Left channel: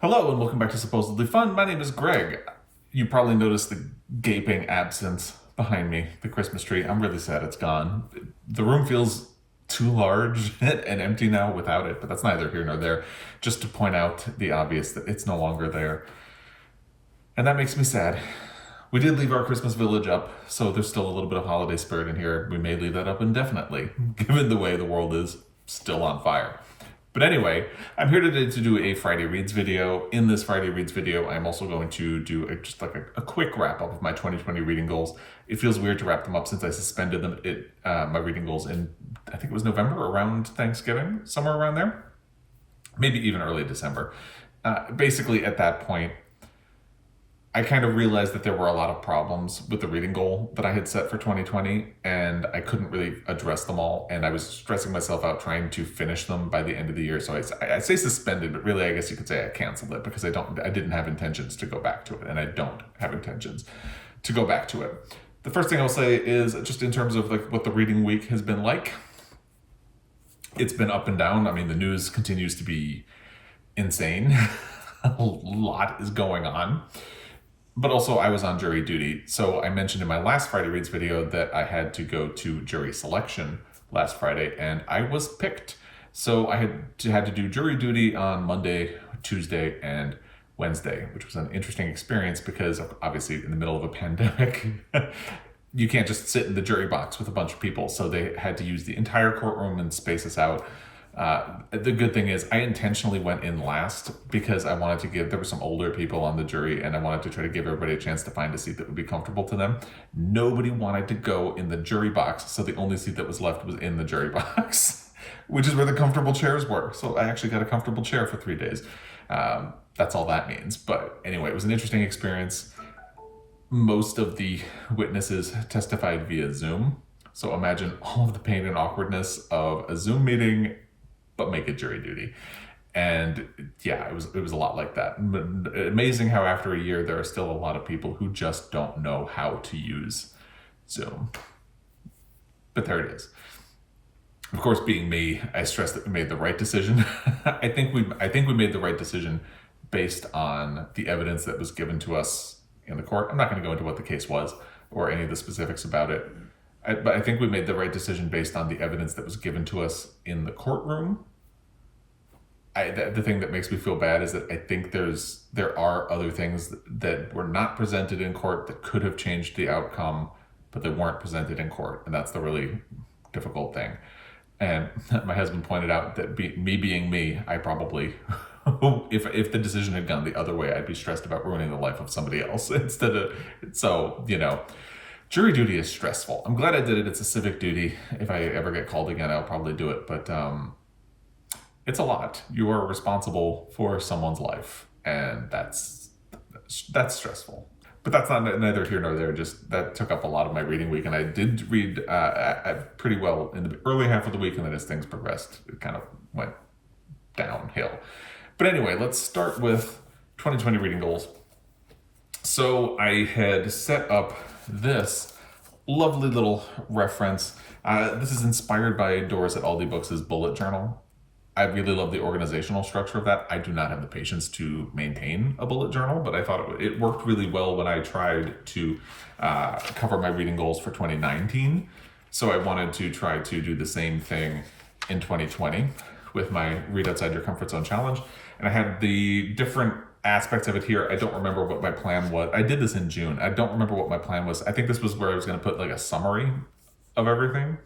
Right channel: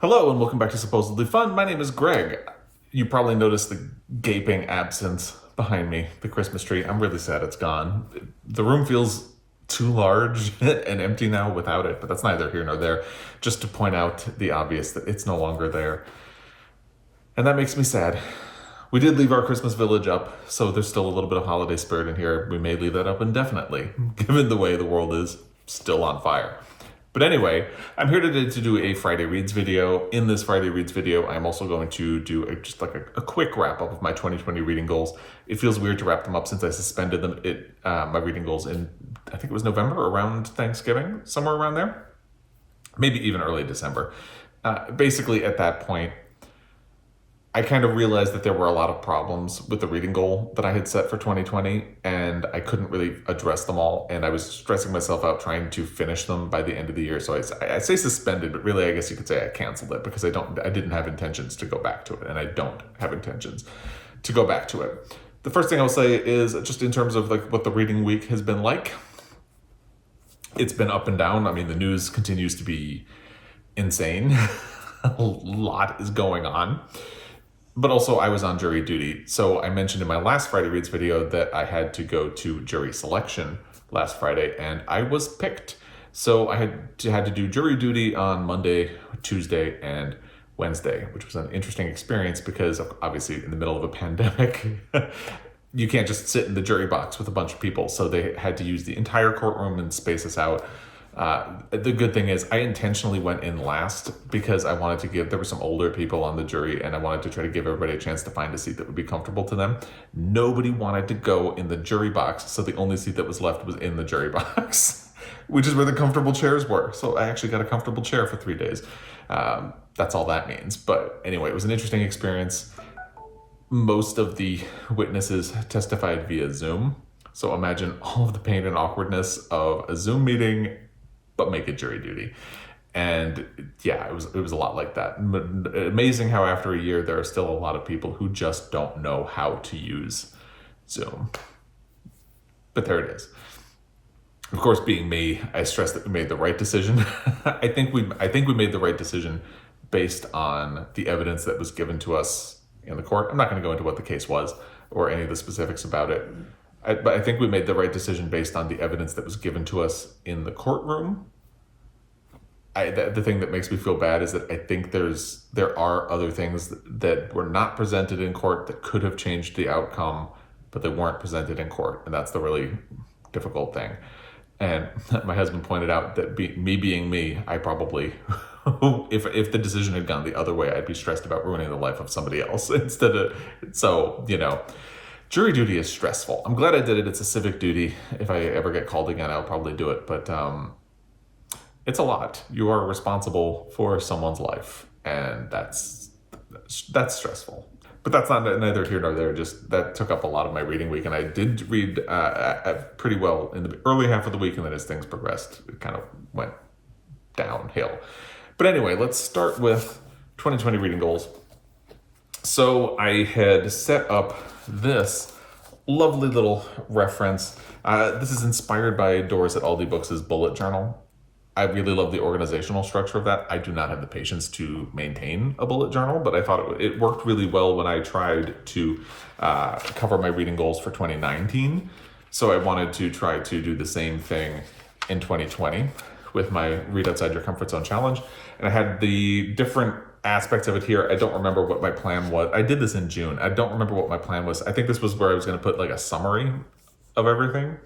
Hello and welcome back to Supposedly Fun. My name is Greg. You probably noticed the gaping absence behind me, the Christmas tree. I'm really sad it's gone. The room feels too large and empty now without it, but that's neither here nor there. Just to point out the obvious that it's no longer there. And that makes me sad. We did leave our Christmas village up, so there's still a little bit of holiday spirit in here. We may leave that up indefinitely, given the way the world is still on fire. But anyway, I'm here today to do a Friday Reads video. In this Friday Reads video, I'm also going to do a quick wrap up of my 2020 reading goals. It feels weird to wrap them up since I suspended them. My reading goals in, I think it was November, around Thanksgiving, somewhere around there. Maybe even early December. Basically, at that point, I kind of realized that there were a lot of problems with the reading goal that I had set for 2020, and I couldn't really address them all, and I was stressing myself out trying to finish them by the end of the year. So I say suspended, but really I guess you could say I canceled it because I didn't have intentions to go back to it, and I don't have intentions to go back to it. The first thing I'll say is just in terms of like what the reading week has been like. It's been up and down. I mean, the news continues to be insane. A lot is going on. But also I was on jury duty. So I mentioned in my last Friday Reads video that I had to go to jury selection last Friday, and I was picked. So I had to do jury duty on Monday, Tuesday, and Wednesday, which was an interesting experience because obviously in the middle of a pandemic, you can't just sit in the jury box with a bunch of people. So they had to use the entire courtroom and space us out. The good thing is I intentionally went in last because I wanted to there were some older people on the jury, and I wanted to try to give everybody a chance to find a seat that would be comfortable to them. Nobody wanted to go in the jury box, so the only seat that was left was in the jury box, which is where the comfortable chairs were. So I actually got a comfortable chair for 3 days. That's all that means. But anyway, it was an interesting experience. Most of the witnesses testified via Zoom. So imagine all of the pain and awkwardness of a Zoom meeting, but make it jury duty. And yeah, it was a lot like that. Amazing how after a year, there are still a lot of people who just don't know how to use Zoom. But there it is. Of course, being me, I stress that we made the right decision. I think we made the right decision based on the evidence that was given to us in the court. I'm not going to go into what the case was or any of the specifics about it. But I think we made the right decision based on the evidence that was given to us in the courtroom. The thing that makes me feel bad is that I think there are other things that were not presented in court that could have changed the outcome, but they weren't presented in court. And that's the really difficult thing. And my husband pointed out that me being me, I probably, if the decision had gone the other way, I'd be stressed about ruining the life of somebody else jury duty is stressful. I'm glad I did it. It's a civic duty. If I ever get called again, I'll probably do it. But it's a lot. You are responsible for someone's life, and that's stressful. But that's neither here nor there. Just that took up a lot of my reading week, and I did read pretty well in the early half of the week, and then as things progressed, it kind of went downhill. But anyway, let's start with 2020 reading goals. So I had set up this lovely little reference. This is inspired by Doris at Aldi Books' bullet journal. I really love the organizational structure of that. I do not have the patience to maintain a bullet journal, but I thought it worked really well when I tried to cover my reading goals for 2019. So I wanted to try to do the same thing in 2020 with my Read Outside Your Comfort Zone challenge. And I had the different aspects of it here. I don't remember what my plan was. I did this in June. I don't remember what my plan was. I think this was where I was going to put like a summary of everything,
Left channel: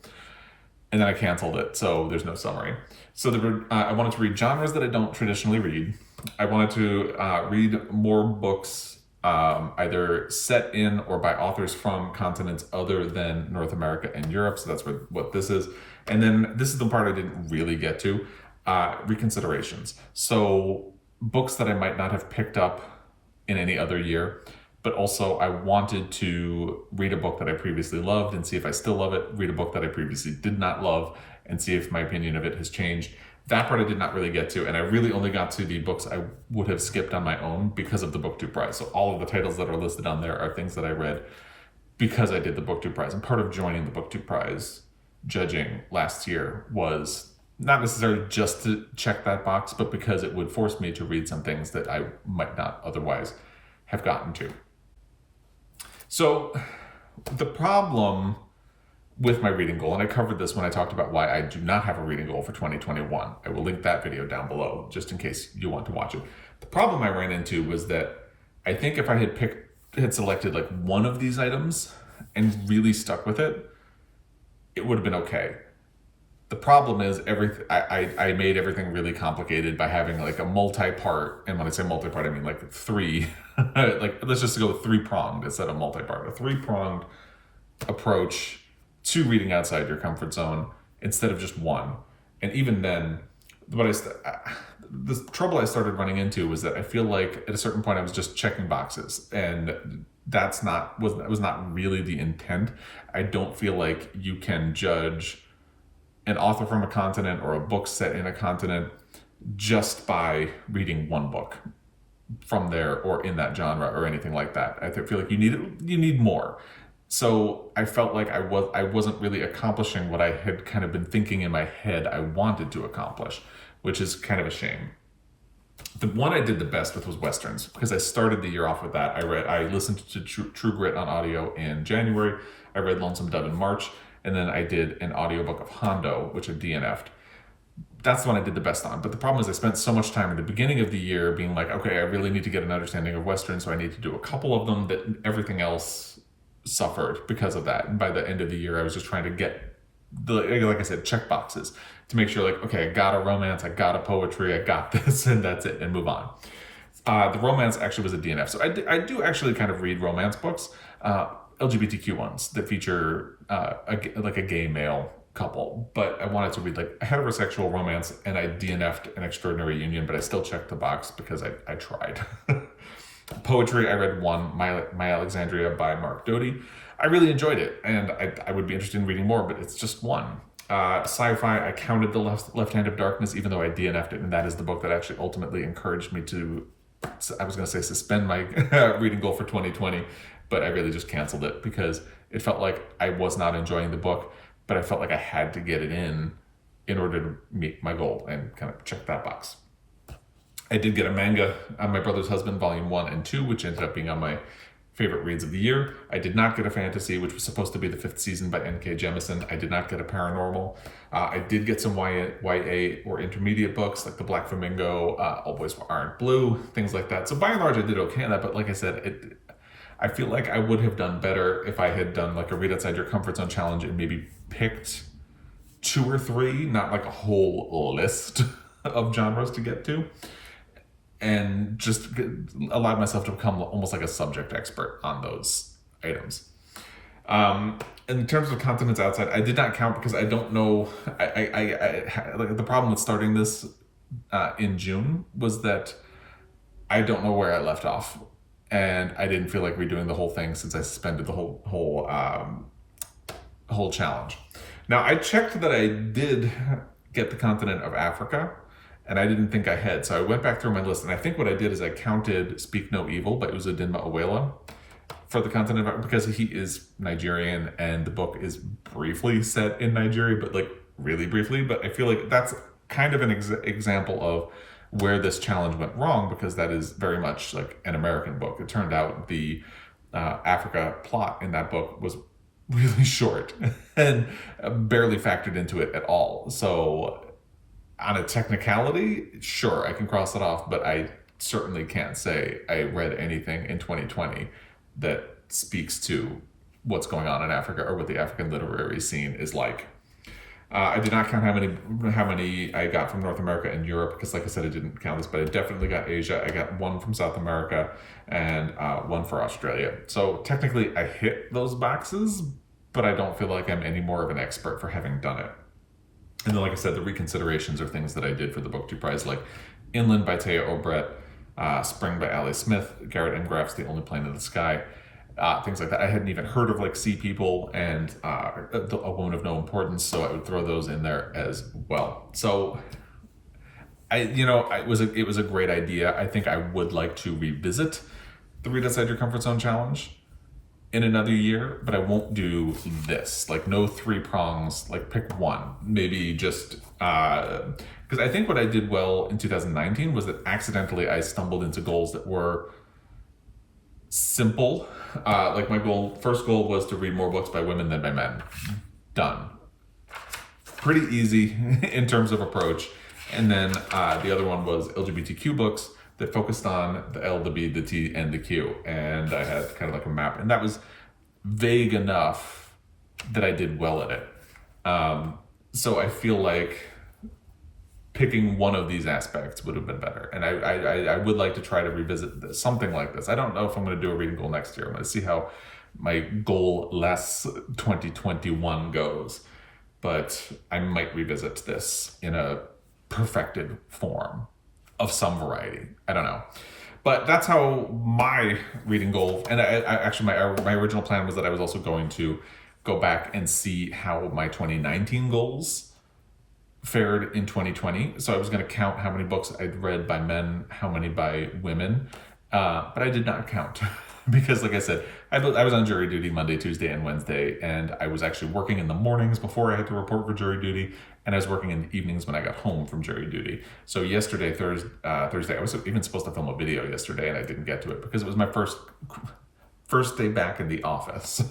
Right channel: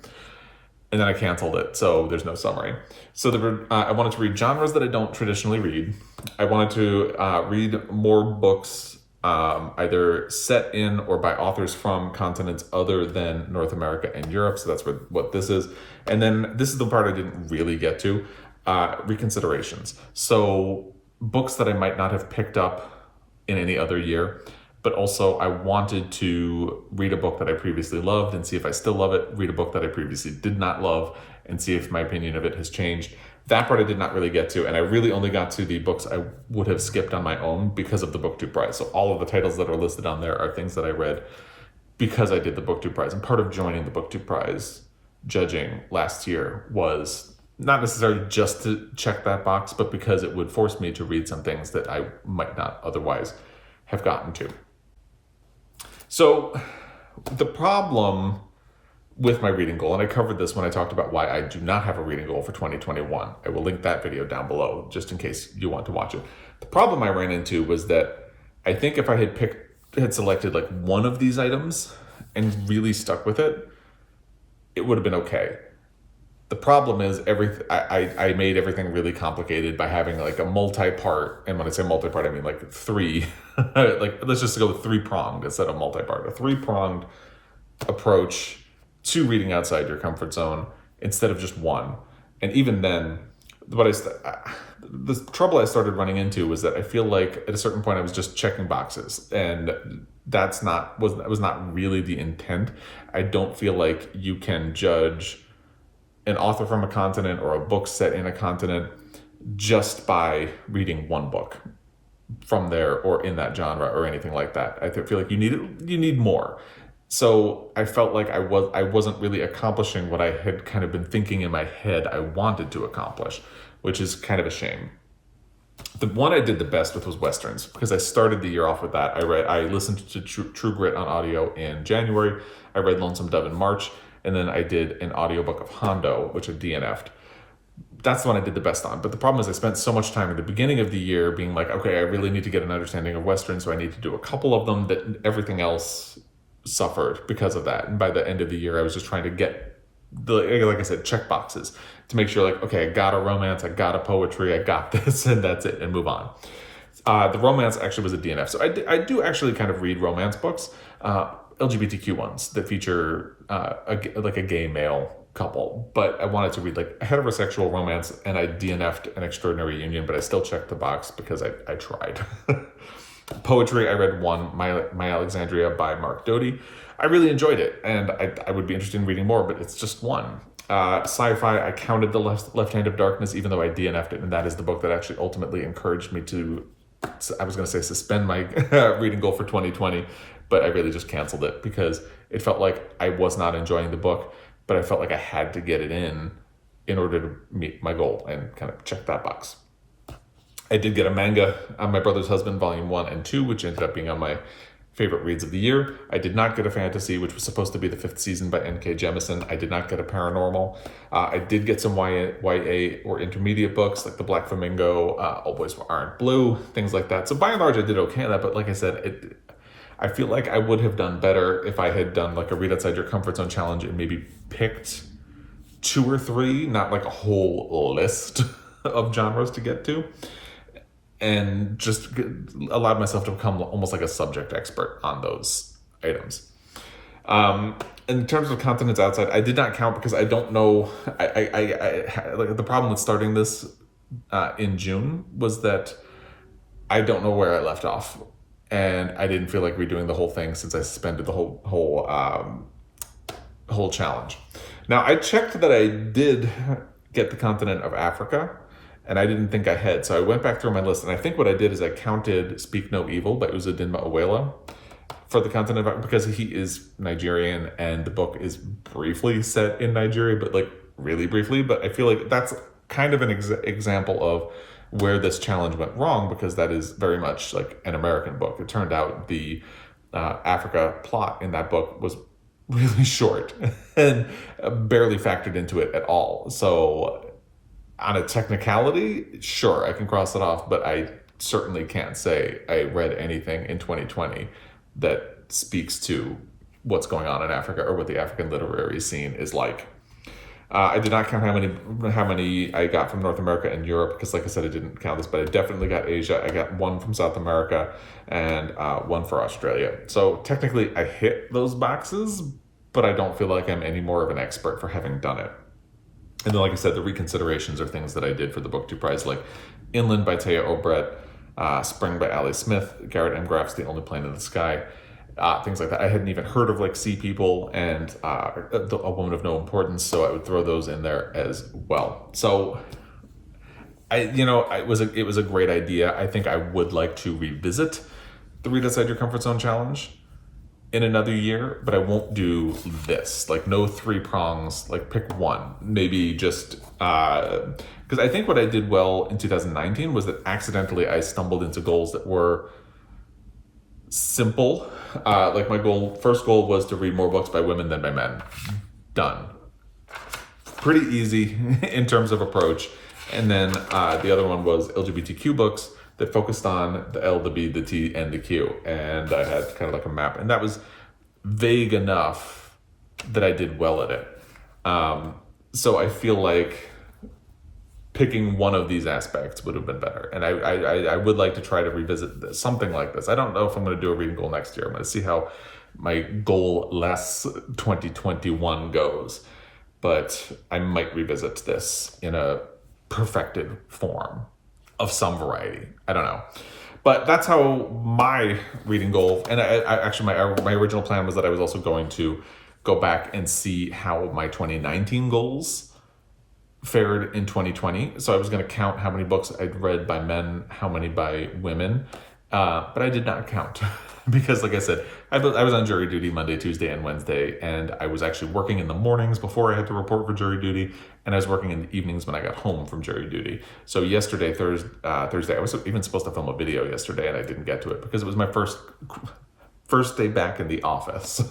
and then I canceled it, so there's no summary. So I wanted to read genres that I don't traditionally read. I wanted to read more books either set in or by authors from continents other than North America and Europe. So that's what this is. And then this is the part I didn't really get to, reconsiderations. So books that I might not have picked up in any other year, but also I wanted to read a book that I previously loved and see if I still love it, read a book that I previously did not love and see if my opinion of it has changed. That part I did not really get to, and I really only got to the books I would have skipped on my own because of the BookTube Prize. So all of the titles that are listed on there are things that I read because I did the BookTube Prize. And part of joining the BookTube Prize judging last year was not necessarily just to check that box, but because it would force me to read some things that I might not otherwise have gotten to. So the problem with my reading goal, and I covered this when I talked about why I do not have a reading goal for 2021. I will link that video down below just in case you want to watch it. The problem I ran into was that I think if I had selected like one of these items and really stuck with it, it would have been okay. The problem is I made everything really complicated by having like a multi-part, and when I say multi-part, I mean like three, like let's just go with three-pronged instead of multi-part, a three-pronged approach to reading outside your comfort zone instead of just one. And even then, the trouble I started running into was that I feel like at a certain point I was just checking boxes, and was not really the intent. I don't feel like you can judge an author from a continent or a book set in a continent just by reading one book from there or in that genre or anything like that. I feel like you need more. So I felt like I wasn't really accomplishing what I had kind of been thinking in my head I wanted to accomplish, which is kind of a shame. The one I did the best with was Westerns, because I started the year off with that. I listened to True Grit on audio in January. I read Lonesome Dove in March, and then I did an audiobook of Hondo, which I DNF'd. That's the one I did the best on. But the problem is I spent so much time at the beginning of the year being like, okay, I really need to get an understanding of Westerns, so I need to do a couple of them, that everything else suffered because of that. And by the end of the year, I was just trying to get, like I said, check boxes to make sure like, okay, I got a romance, I got a poetry, I got this, and that's it, and move on. The romance actually was a DNF. So I do actually kind of read romance books, LGBTQ ones that feature a gay male couple, but I wanted to read like a heterosexual romance, and I DNF'd An Extraordinary Union, but I still checked the box because I tried. Poetry, I read one, My Alexandria by Mark Doty. I really enjoyed it, and I would be interested in reading more, but it's just one. Sci-fi, I counted The Left Hand of Darkness, even though I DNF'd it, and that is the book that actually ultimately encouraged me to, I was going to say suspend my reading goal for 2020, but I really just canceled it because it felt like I was not enjoying the book, but I felt like I had to get it in order to meet my goal and kind of check that box. I did get a manga on My Brother's Husband, Volume 1 and 2, which ended up being on my favorite reads of the year. I did not get a fantasy, which was supposed to be the 5th season by N.K. Jemisin. I did not get a paranormal. I did get some YA or intermediate books, like The Black Flamingo, All Boys Aren't Blue, things like that. So by and large, I did okay on that, but like I said, I feel like I would have done better if I had done like a Read Outside Your Comfort Zone challenge and maybe picked 2 or 3, not like a whole list of genres to get to, and just allowed myself to become almost like a subject expert on those items. In terms of continents outside, I did not count because I don't know. I like the problem with starting this in June was that I don't know where I left off, and I didn't feel like redoing the whole thing since I suspended the whole challenge. Now I checked that I did get the continent of Africa, and I didn't think I had. So I went back through my list, and I think what I did is I counted Speak No Evil by Uzodinma Owela for the continent of, because he is Nigerian, and the book is briefly set in Nigeria, but like really briefly. But I feel like that's kind of an example of where this challenge went wrong, because that is very much like an American book. It turned out the Africa plot in that book was really short and barely factored into it at all. So on a technicality, sure, I can cross it off, but I certainly can't say I read anything in 2020 that speaks to what's going on in Africa or what the African literary scene is like. I did not count how many I got from North America and Europe, because like I said, I didn't count this, but I definitely got Asia. I got 1 from South America and 1 for Australia. So technically I hit those boxes, but I don't feel like I'm any more of an expert for having done it. And then, like I said, the reconsiderations are things that I did for the Book 2 prize, like Inland by Taya Obret, Spring by Ali Smith, Garrett M. Graff's The Only Plane in the Sky, things like that. I hadn't even heard of like Sea People and A Woman of No Importance, so I would throw those in there as well. So it was a great idea. I think I would like to revisit the Read Outside Your Comfort Zone challenge in another year, but I won't do this. Like no 3 prongs, like pick one, maybe just Because I think what I did well in 2019 was that accidentally I stumbled into goals that were simple. Like my first goal was to read more books by women than by men. Done. Pretty easy in terms of approach. And then the other one was LGBTQ books that focused on the L, the B, the T, and the Q. And I had kind of like a map. And that was vague enough that I did well at it. So I feel like picking one of these aspects would have been better. And I would like to try to revisit something like this. I don't know if I'm going to do a reading goal next year. I'm going to see how my goal less 2021 goes. But I might revisit this in a perfected form of some variety. I don't know. But that's how my reading goal, and actually my original plan was that I was also going to go back and see how my 2019 goals fared in 2020. So I was going to count how many books I'd read by men, how many by women, but I did not count because, like I said, I was on jury duty Monday, Tuesday, and Wednesday, and I was actually working in the mornings before I had to report for jury duty, and I was working in the evenings when I got home from jury duty. So yesterday, Thursday, I was even supposed to film a video yesterday, and I didn't get to it because it was my first day back in the office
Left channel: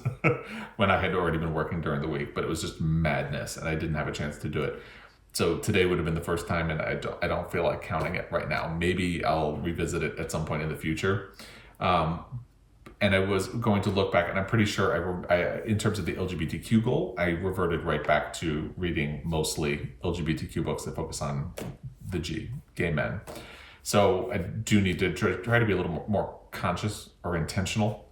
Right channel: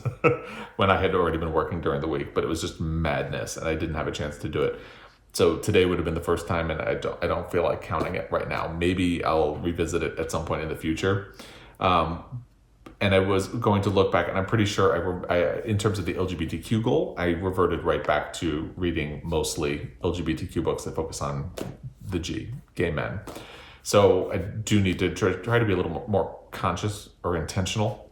when I had already been working during the week, but it was just madness, and I didn't have a chance to do it. So today would have been the first time, and I don't feel like counting it right now. Maybe I'll revisit it at some point in the future. And I was going to look back, and I'm pretty sure I in terms of the LGBTQ goal, I reverted right back to reading mostly LGBTQ books that focus on the gay men. So I do need to try to be a little more conscious or intentional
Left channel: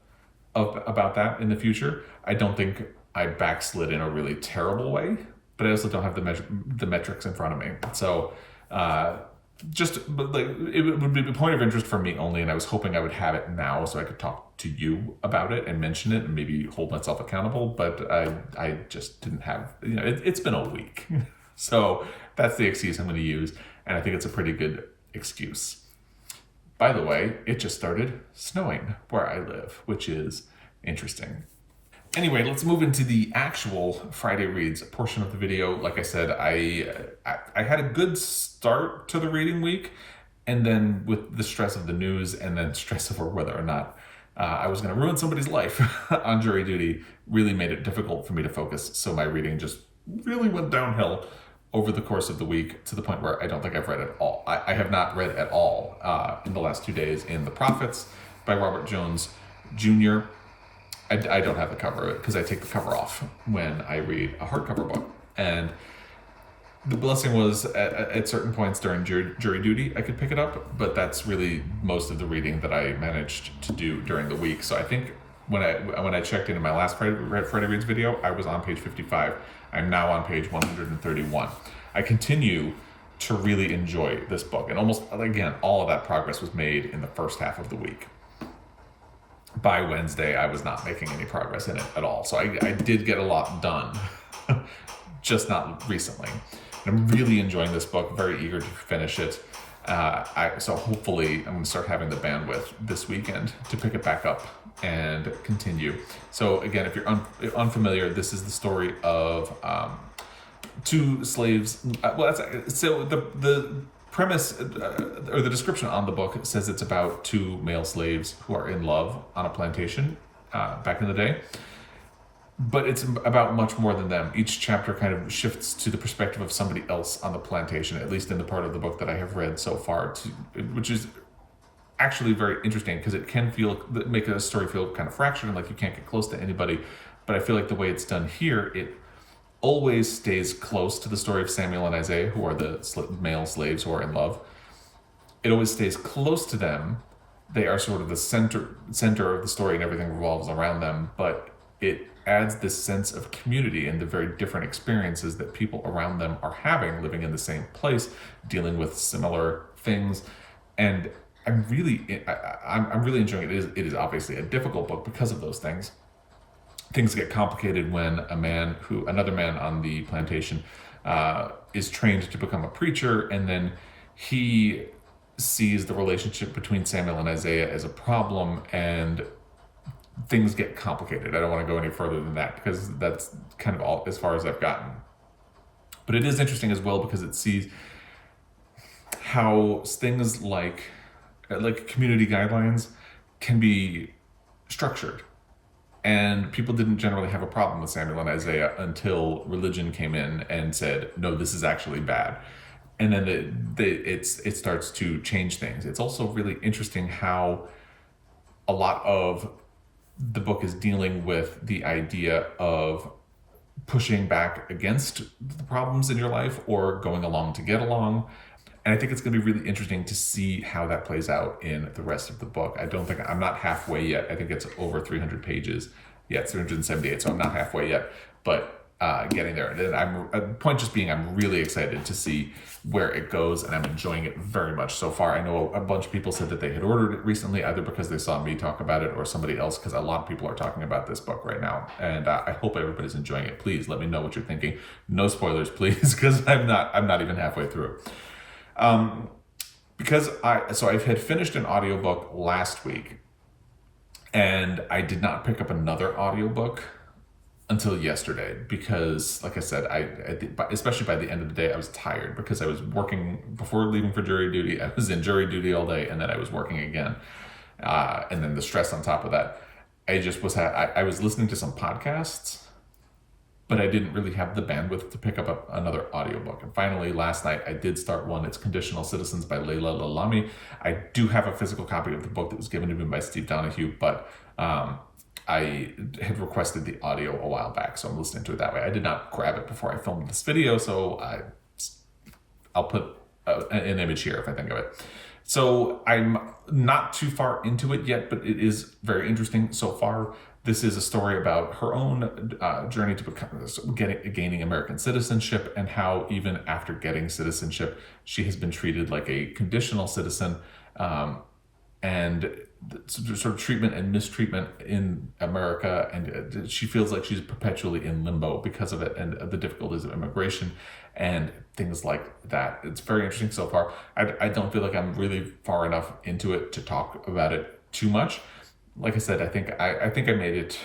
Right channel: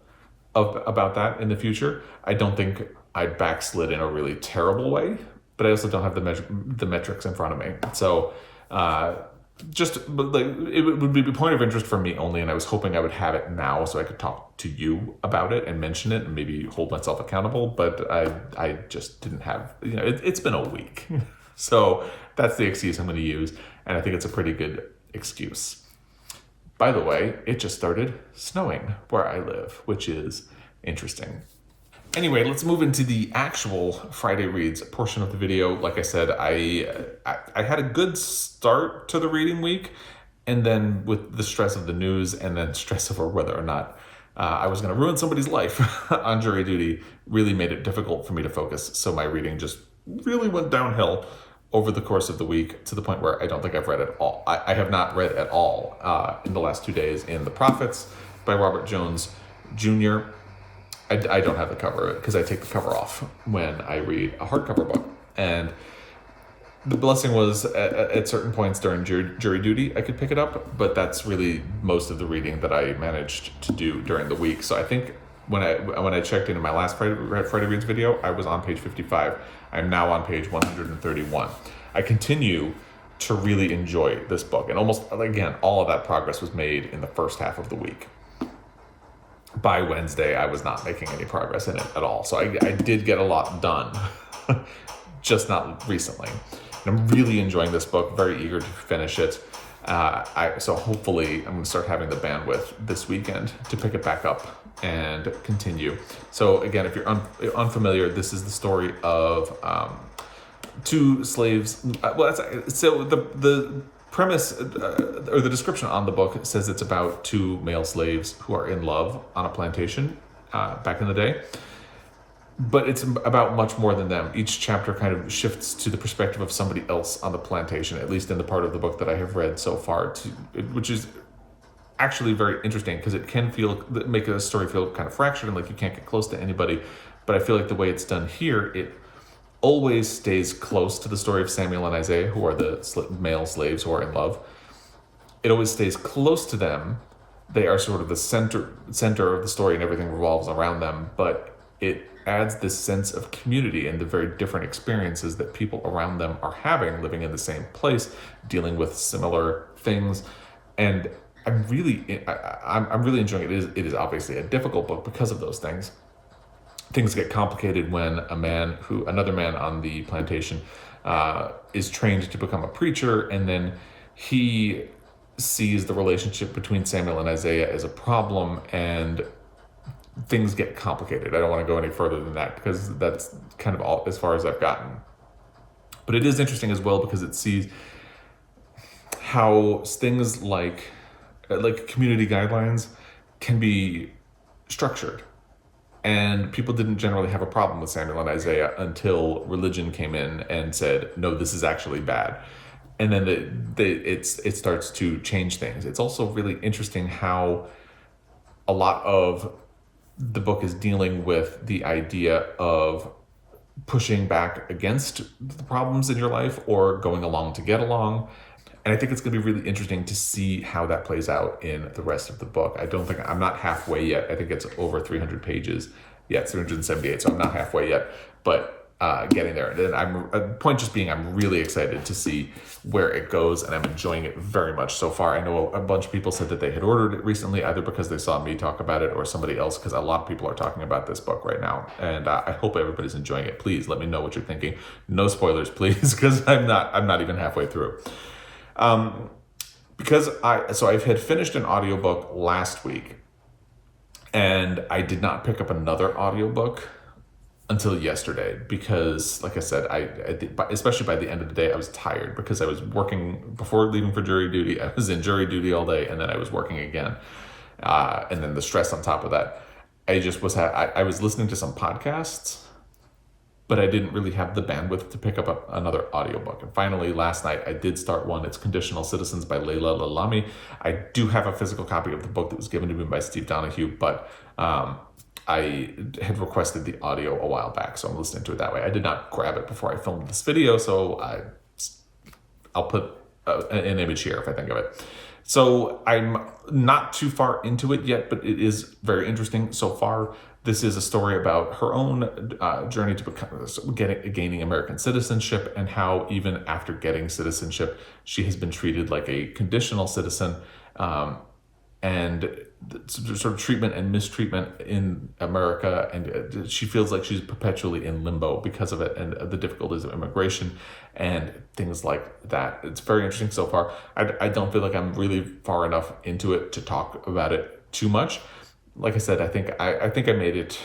about that in the future. I don't think I backslid in a really terrible way, but I also don't have the metrics in front of me. So it would be a point of interest for me only, and I was hoping I would have it now so I could talk to you about it and mention it and maybe hold myself accountable, but I just didn't have, it's been a week. So that's the excuse I'm going to use, and I think it's a pretty good excuse. By the way, it just started snowing where I live, which is interesting. Anyway, let's move into the actual Friday Reads portion of the video. Like I said, I had a good start to the reading week, and then with the stress of the news and then stress over whether or not I was going to ruin somebody's life on jury duty really made it difficult for me to focus. So my reading just really went downhill over the course of the week to the point where I don't think I've read at all. I have not read at all in the last 2 days in The Prophets by Robert Jones Jr. I don't have the cover of it because I take the cover off when I read a hardcover book. And the blessing was at certain points during jury duty, I could pick it up, but that's really most of the reading that I managed to do during the week. So I think when I checked in my last Friday Reads video, I was on page 55. I'm now on page 131. I continue to really enjoy this book, and almost, again, all of that progress was made in the first half of the week. By Wednesday, I was not making any progress in it at all. So I did get a lot done, just not recently. And I'm really enjoying this book, very eager to finish it. So hopefully I'm going to start having the bandwidth this weekend to pick it back up and continue. So again, if you're unfamiliar, this is the story of two slaves. So the premise or the description on the book says it's about two male slaves who are in love on a plantation back in the day. But it's about much more than them. Each chapter kind of shifts to the perspective of somebody else on the plantation, at least in the part of the book that I have read so far, which is actually very interesting because it can make a story feel kind of fractured and like you can't get close to anybody. But I feel like the way it's done here, it always stays close to the story of Samuel and Isaiah, who are the male slaves who are in love. It always stays close to them. They are sort of the center of the story, and everything revolves around them. But it adds this sense of community and the very different experiences that people around them are having, living in the same place, dealing with similar things. And I'm really enjoying it. It is obviously a difficult book because of those things. Things get complicated when another man on the plantation is trained to become a preacher, and then he sees the relationship between Samuel and Isaiah as a problem, and things get complicated. I don't want to go any further than that because that's kind of all as far as I've gotten. But it is interesting as well because it sees how things like community guidelines can be structured. And people didn't generally have a problem with Samuel and Isaiah until religion came in and said, no, this is actually bad. And then it starts to change things. It's also really interesting how a lot of the book is dealing with the idea of pushing back against the problems in your life or going along to get along. And I think it's going to be really interesting to see how that plays out in the rest of the book. I'm not halfway yet. I think it's over 300 pages. Yeah, it's 378, so I'm not halfway yet, but getting there. And point just being, I'm really excited to see where it goes, and I'm enjoying it very much so far. I know a bunch of people said that they had ordered it recently, either because they saw me talk about it or somebody else, because a lot of people are talking about this book right now. And I hope everybody's enjoying it. Please let me know what you're thinking. No spoilers, please, because I'm not even halfway through. Because I had finished an audiobook last week, and I did not pick up another audiobook until yesterday because, like I said, especially by the end of the day, I was tired because I was working before leaving for jury duty. I was in jury duty all day, and then I was working again, and then the stress on top of that. I was listening to some podcasts, but I didn't really have the bandwidth to pick up another audiobook. And finally, last night, I did start one. It's Conditional Citizens by Laila, Lalami. I do have a physical copy of the book that was given to me by Steve Donahue, but I had requested the audio a while back, so I'm listening to it that way. I did not grab it before I filmed this video, so I'll put an image here if I think of it. So I'm not too far into it yet, but it is very interesting so far. This is a story about her own journey to gaining American citizenship, and how even after getting citizenship, she has been treated like a conditional citizen, and sort of treatment and mistreatment in America, and she feels like she's perpetually in limbo because of it, and the difficulties of immigration and things like that. It's very interesting so far. I don't feel like I'm really far enough into it to talk about it too much. Like I said, I think I made it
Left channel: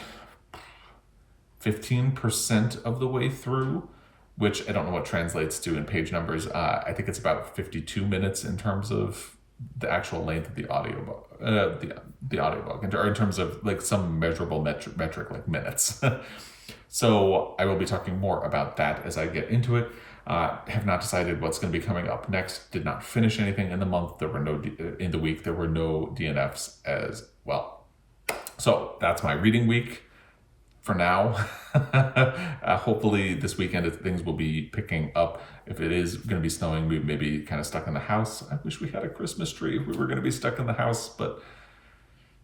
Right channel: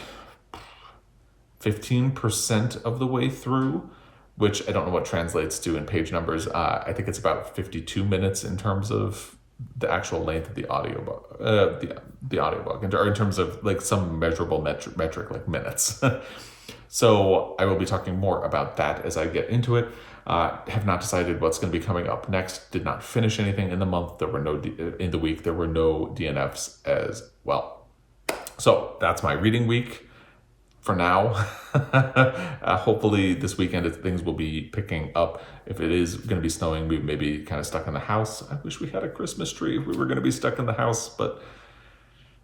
15% of the way through, which I don't know what translates to in page numbers. I think it's about 52 minutes in terms of the actual length of the audiobook, the audiobook, or in terms of like some measurable metric like minutes. So I will be talking more about that as I get into it. Have not decided what's going to be coming up next. Did not finish anything in the month. There were in the week. There were no DNFs as well. So that's my reading week for now. Hopefully this weekend things will be picking up. If it is going to be snowing, we may be kind of stuck in the house. I wish we had a Christmas tree if we were going to be stuck in the house, but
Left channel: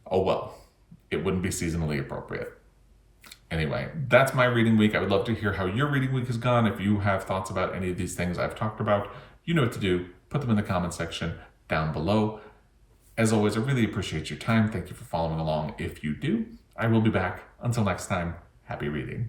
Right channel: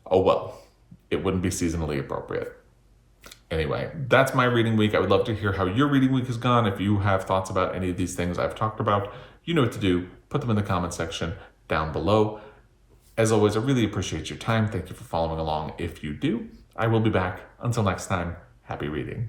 oh well, it wouldn't be seasonally appropriate. Anyway, that's my reading week. I would love to hear how your reading week has gone. If you have thoughts about any of these things I've talked about, you know what to do. Put them in the comment section down below. As always, I really appreciate your time. Thank you for following along if you do. I will be back. Until next time, happy reading.